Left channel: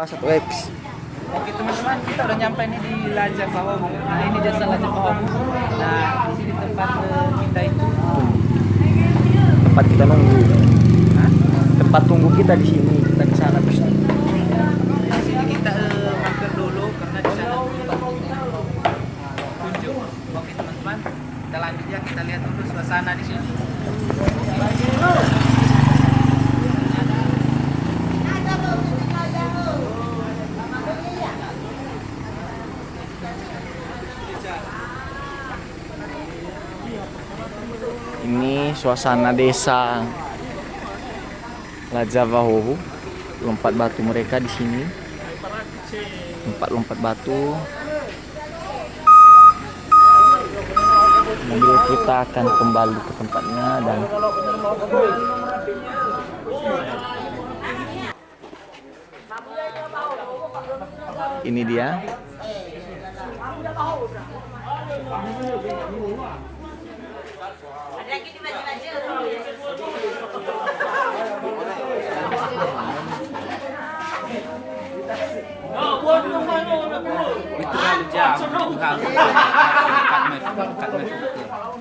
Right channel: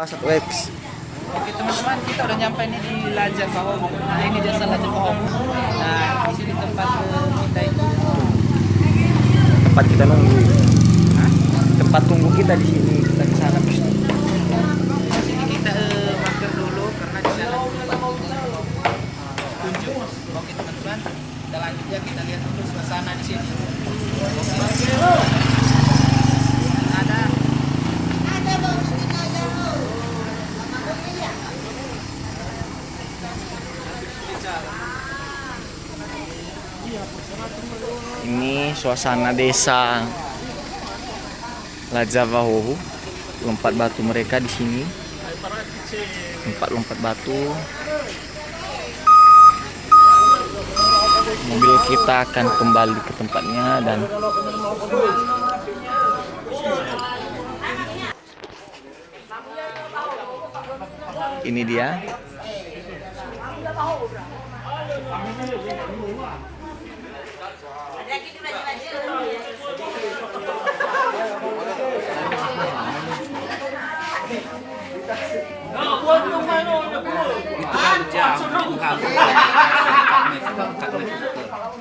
Satu X. Oke teman-teman, kita udah nyampe nih di Laja Pahomu. Nah ini jasa Laja Pahomu. Nah di sini tempat kita itu. Tempat kita nunggu. Tempat tunggu kita di sini. Kita di sana pasti. Di sini kita mampir dulu karena di sana tunjuk. Oke teman-teman, kita lanjut ya, kita lihat dulu suasana di sini. Ini suasana desa Lajavahohu. Lompat batu mereka di sini. Tempat lompat batu. Mobil kita akan kembali ke tempatnya dan ini dia. Itu terlalu jauh,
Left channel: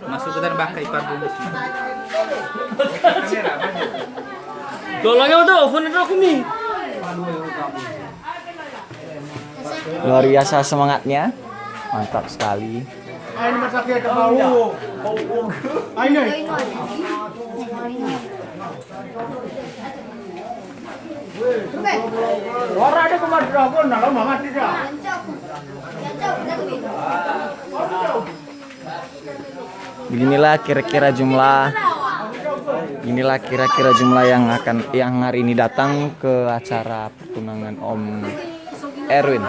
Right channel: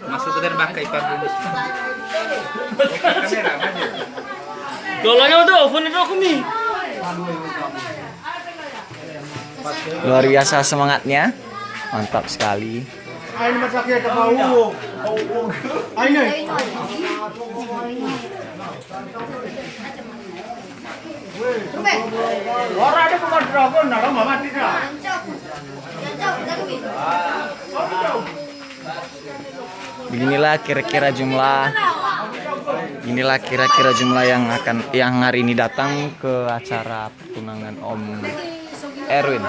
masuk ke dalam bangkai pabrik. Dolangnya udah oven itu aku nih. Luar biasa semangatnya. Mantap sekali. Ayo masaknya ke bau. Ayo. Orang ada pemain dragon, nak mama tidak. Inilah kira-kira jumlah yang hari ini datang ke acara pertunangan Om Erwin.